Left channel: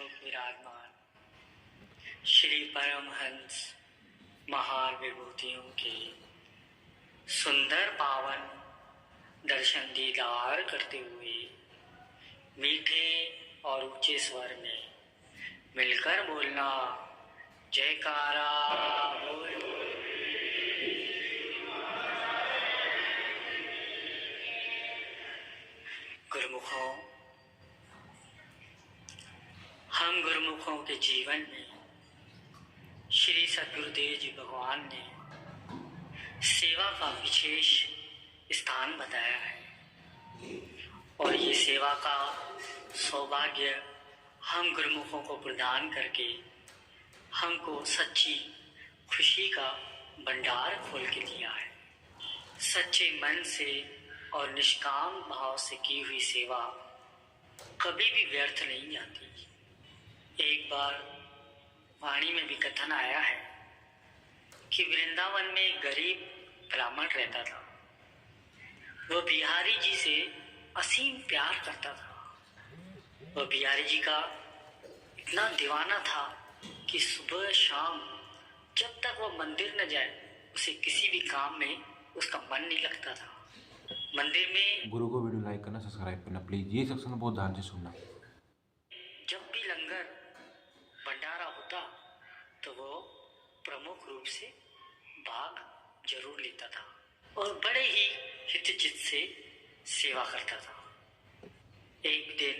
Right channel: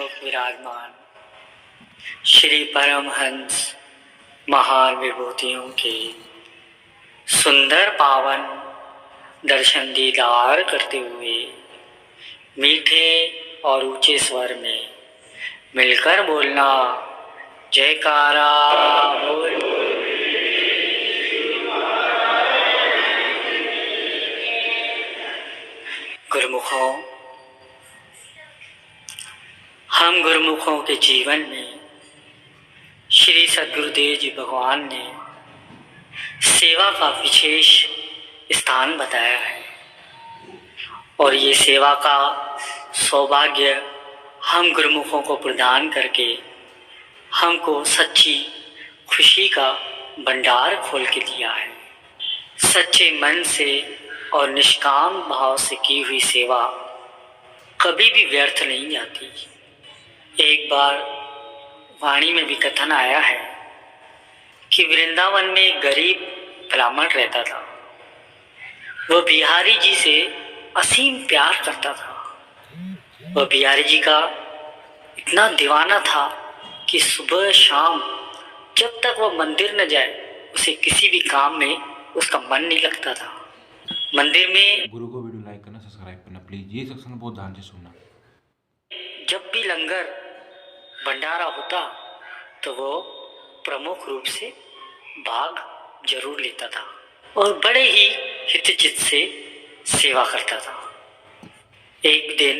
सन्मुख विराजमान श्री परमहंस महान विभूतियों के सुंदर पावन दर्शन दीदार करते हुए मीठे और ऊंचे स्वर में मिलकर बोलना जयकारा बोल। गुरुमुखों, हम गुरुमुखों के जीवन में श्री सद्गुरुदेव जी भगवान ने सेवा का विशेष स्थान बताया है और ये सेवा का सौभाग्य हम गुरुमुखों को प्रदान करके हमको सच्ची खुशी का भंडार खोल के दिया है। सच्चे मन से और निष्काम भाव से की हुई सेवा कभी भी व्यर्थ नहीं जाती। एक बार वाणी में भी कथन आया है कि वृंदावन में एक गरीब ब्राह्मण रहता था। वह बिहारी जी से असीम प्यार करता था। वह बिहारी जी का इतना दीवाना था कि सुबह शाम जब तक वह मंदिर न जाए उसे किसी भी काम में उसका मन नहीं लगता था। मंदिर में गुरु को वीडियो लाइक करना, सब्सक्राइब करना प्लीज। ये सत्संग बहुत ध्यान से सुनना। जब भी लंगर भंडारा होता तो वो प्रमुख रूप से भाग जरूर लेता था और बड़े ही हितचित से सेवा करता था। एक दिन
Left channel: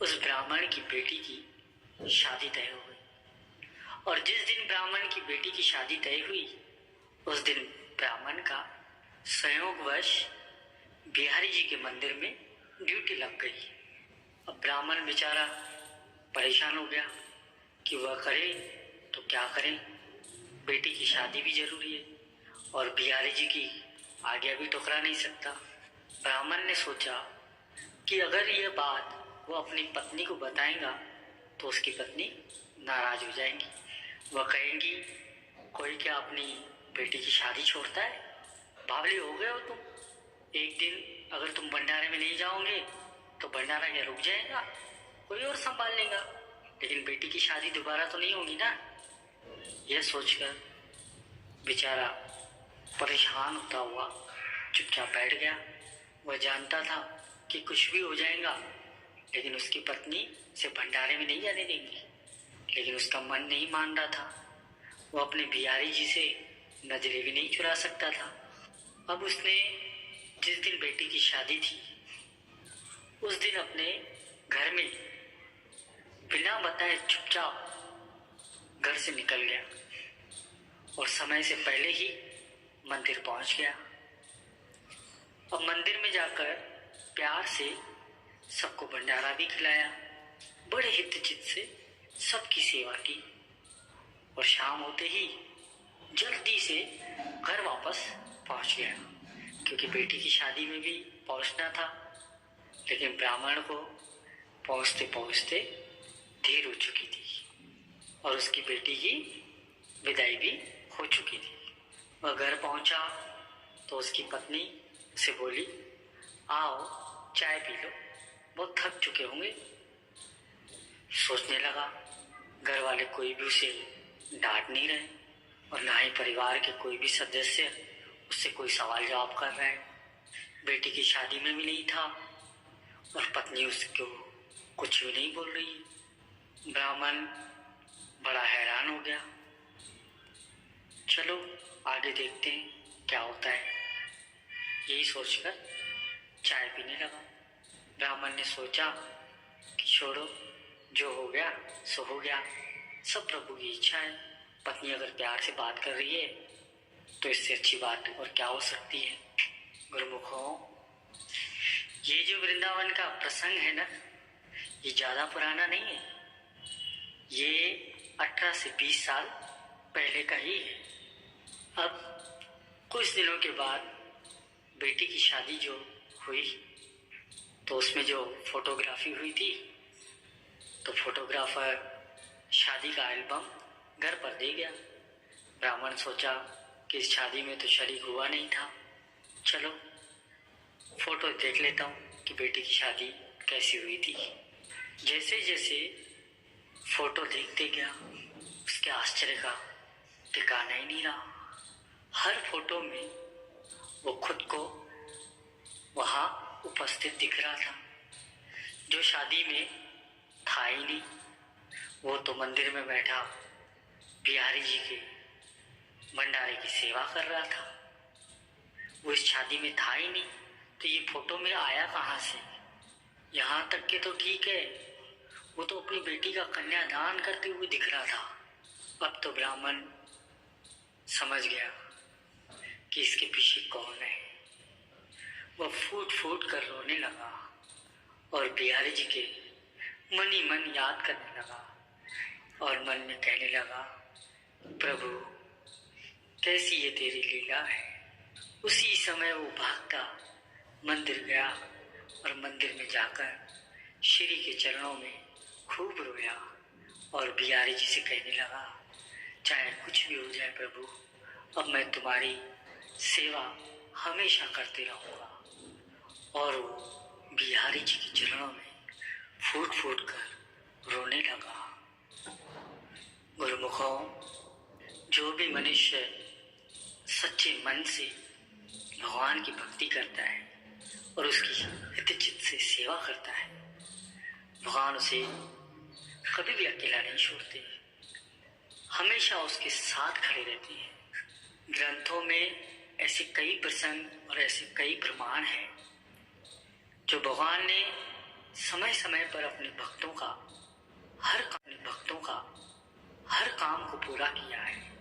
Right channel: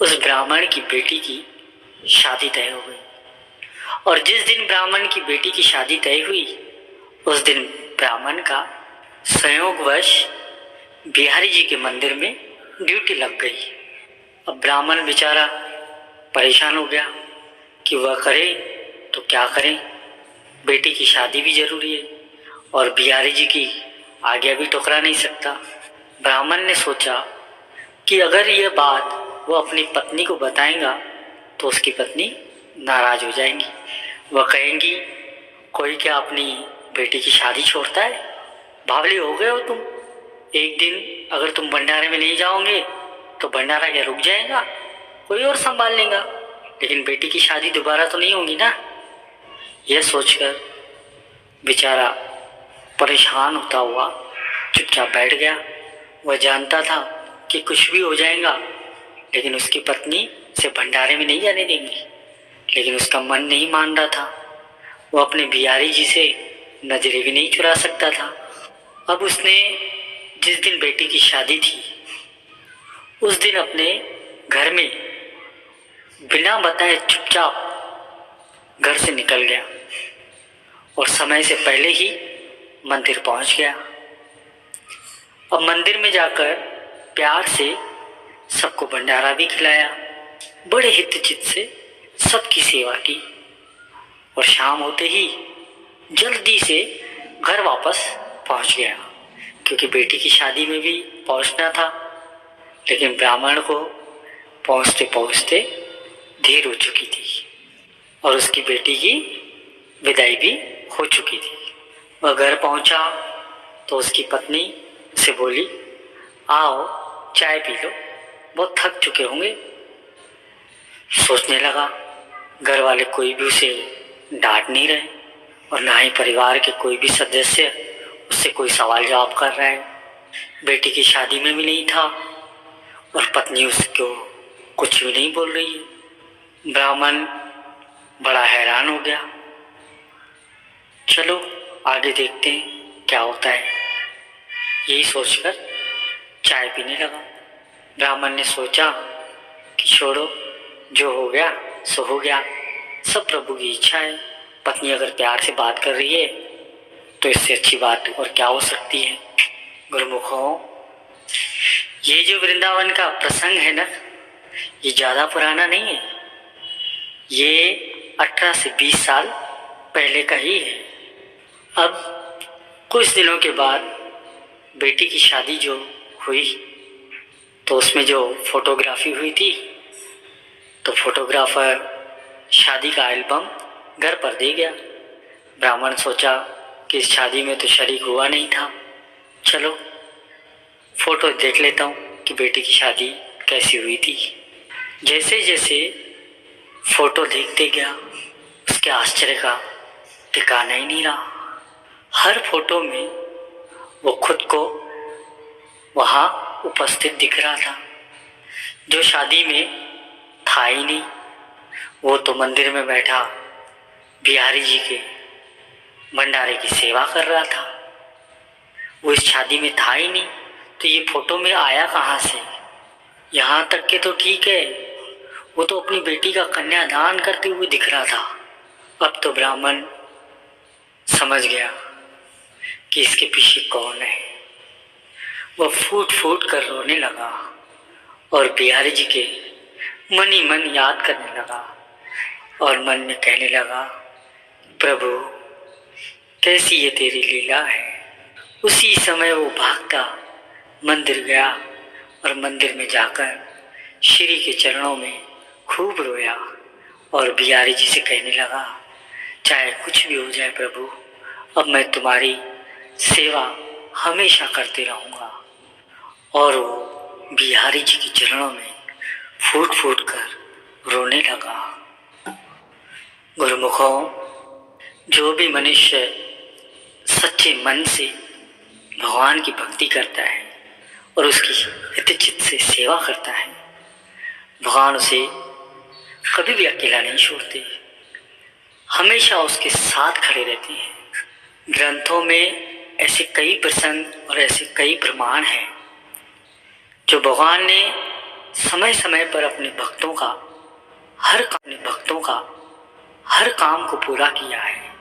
उस ब्राह्मण की बेटी की शादी तय हो गई और जिस दिन ब्राह्मण की बेटी की शादी तय हुई उस दिन ब्राह्मण का संयोगवश बिहारी जी के मंदिर में ड्यूटी लग गई। अब ब्राह्मण बेचारा परेशान हो गया कि वह करे तो क्या करें, बेटी की शादी भी जरूरी है और बिहारी जी की आज्ञा भी ठुकरा नहीं सकता। ब्राह्मण ने सोचा कि अगर यह बात वो अपनी पत्नी को बताएगा तो उसकी पत्नी नाराज हो जाएंगी। वह कहेंगी कोई क्या अपनी बेटी की शादी छोड़ता है, बावली हो गए हो तुम। एक दिन अगर तुम भंडारे में नहीं जाओगे तो भंडारा क्या रुक जाएगा, कोई और संभाल लेगा, लेकिन बेटी की शादी दोबारा तो नहीं होगी ना। यह सोचकर बेचारा परेशान होता हुआ चुपचाप बैठ गया। वह जानता था कि कुछ भी हो जाएगा लेकिन उसकी पत्नी उसे भंडारे में नहीं जाने देंगी, लेकिन उसका मन नहीं मान रहा था। वो अपने बिहारी जी से नजरें भी नहीं चुरा सकता था। अब उसने जिस दिन बेटी की शादी थी उस दिन अपने घर में बिना बताए चुपचाप घर से निकल गया और समय से पहले ही मंदिर पहुंच गया। अब मंदिर में जाकर प्यार से सबको भंडारा भी खिलाया, बड़े हितचित से सबकी सेवा की और शाम होते ही जल्दी से घर वापस पहुंच गया क्योंकि बेटी की शादी में भी पहुंचना था। लेकिन ब्राह्मण को पहुंचते पहुंचते देर हो चुकी थी और उसकी बेटी की विदाई भी हो चुकी थी। वह घर पहुंचा तो उसकी पत्नी उसे बोली, आओ चाय पी लो, बहुत थक चुके होंगे। सोचने लगा घर वाले कोई भी उसे डांट नहीं रहे और ना ही परिवार के कोई भी सदस्य उससे कोई सवाल जवाब कर रहा है। बेटी की शादी में भी नहीं था और पत्नी उसको कुछ भी नहीं बोल रही है। ब्राह्मण बड़ा हैरान हो गया। चलो आगे देखते हैं क्या होता है, यही सोचकर चाय पीने लगा। ब्राह्मण ने सोचा कि छोड़ो, जो हो गया सो हो गया, सब प्रभु की इच्छा है। पत्नी अगर प्यार से बात कर रही है तो इससे अच्छी बात और क्या हो सकती है। गुरुमुखों, ये जो वृंदावन का प्रसंग है ना, ये ज़्यादा पुराना नहीं है, ये 18 से 20 साल पहले का ही है। अब कुछ दिनों के बाद बेटी की शादी जो हुई तो उसमें जो फोटोग्राफी हुई थी तो फोटोग्राफर शादी का एल्बम घर पर दे गया। ब्राह्मण सोचा कि इस शादी में तो शरीक हुआ नहीं था, चलो फोटो देख लेता हूँ कि बेटी की शादी कैसी हुई थी। जैसे जैसे फोटो देखते गया, उसके आश्चर्य का ठिकाना ही नहीं रहा। हर फोटो में वो खुद को वहाँ उपस्थित दिख रहा था, जो शादी में था ही नहीं। वो तो मंदिर में बैठा बिहारी जी के भंडारे की सेवा कर रहा था। वो इस शादी में था ही नहीं, तो ये फोटो में आया कहाँ से? यहाँ तक के तो ठीक है, वो तो अपनी बेटी का कन्यादान करते हुए दिख रहा था। अब तो ब्राह्मण समझ गया कि इसके पीछे कौन है। वह फूट फूट कर रोने लगा और बिहारी जी के मन ही मन याद करने लगा और मन में कहने लगा, प्रभु कैसी ये तेरी लीला है। उसी समय वो भागता मंदिर गया और मंदिर में जाकर श्री के चरणों में खूब रोया और बिहारी जी से कहने लगा, चाहे कुछ भी हो जाए प्रभु, अब मैं तुम्हारी सेवा हमेशा करते रहूँगा। और वो बिहारी जी के चरणों में फूट फूट कर रोने लगा। गुरुमुखों, जो भी मनुष्य सच्चे मन से भगवान की भक्ति करता है और उसकी हित चित्त से सेवा करता है, भगवान उसे कभी भी अकेला नहीं छोड़ते, हमेशा उसके साथ खड़े रहते हैं। ग्रंथों में ऐसे कई प्रसंग और ऐसे कई प्रमाण हैं जो भगवान ने समय समय पर अपने भक्तों का हर काम को पूरा किया है।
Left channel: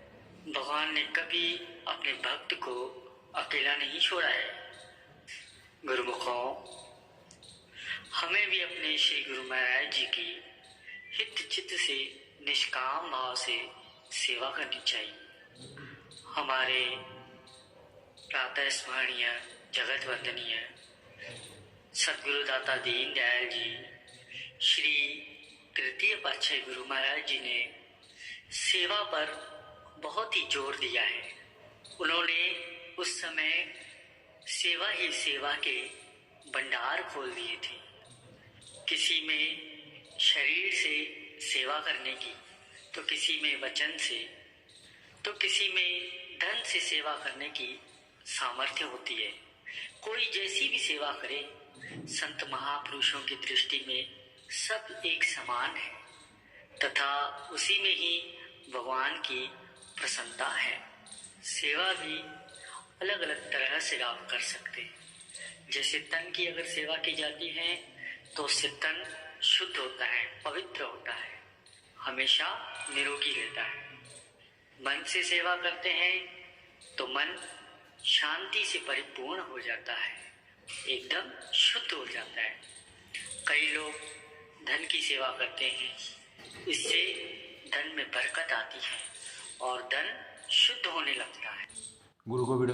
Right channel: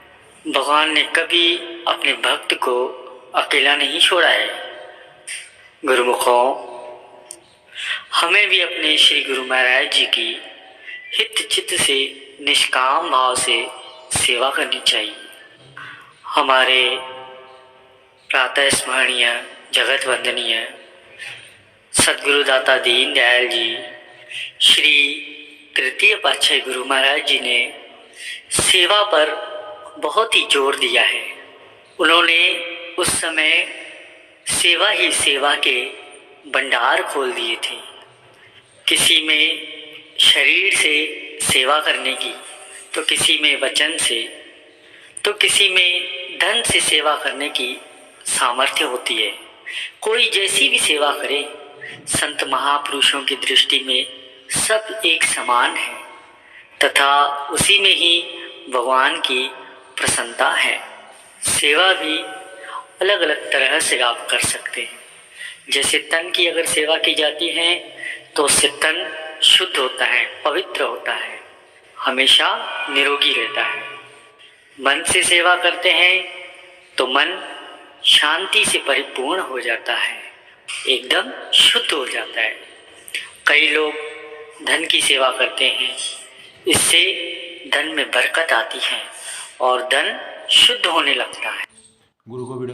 भगवान ने कभी अपने भक्त को अकेला नहीं छोड़ा है। गुरुमुखों, हमें भी अपने श्री गुरु महाराज जी की हित चित्त से निष्काम भाव से सेवा करनी चाहिए। हमारे प्रातः स्मरणीय जगत वंदनीय सद्गुरुदाता दीन दयाल जी, श्री तृतीय पातशाही गुरु महाराज जी ने सेवा पर बहुत ही जोर दिया है। उन्होंने उस समय सेवा ही सेवा के भंडार खोल दिए थे। किसी में शरीर से सेवा करने की, तो किसी में वचन से, तो किसी में धन से सेवा करने की सामर्थ्य होती है। कोई जैसी भी सेवा करे, संत महापुरुषों की दृष्टि में सब एक समान है तथा उसी में ही भगवान की प्रसन्नता है। सेवा भी अलग अलग तरह से आप कर सकते हैं। जैसे तन की अगर सेवा की जाती है तो उससे तन शुद्ध होता है, पवित्र होता है, हमेशा निरोगी रहता है। मन से सेवा करते हैं तो मन शांति से परिपूर्ण हो जाता है, एकदम शुद्ध हो जाता है। कई लोग धन की सेवा करते हैं, इससे धन में बरकत आती है और धन शुद्ध होने लगता है। गुरु को वीडियो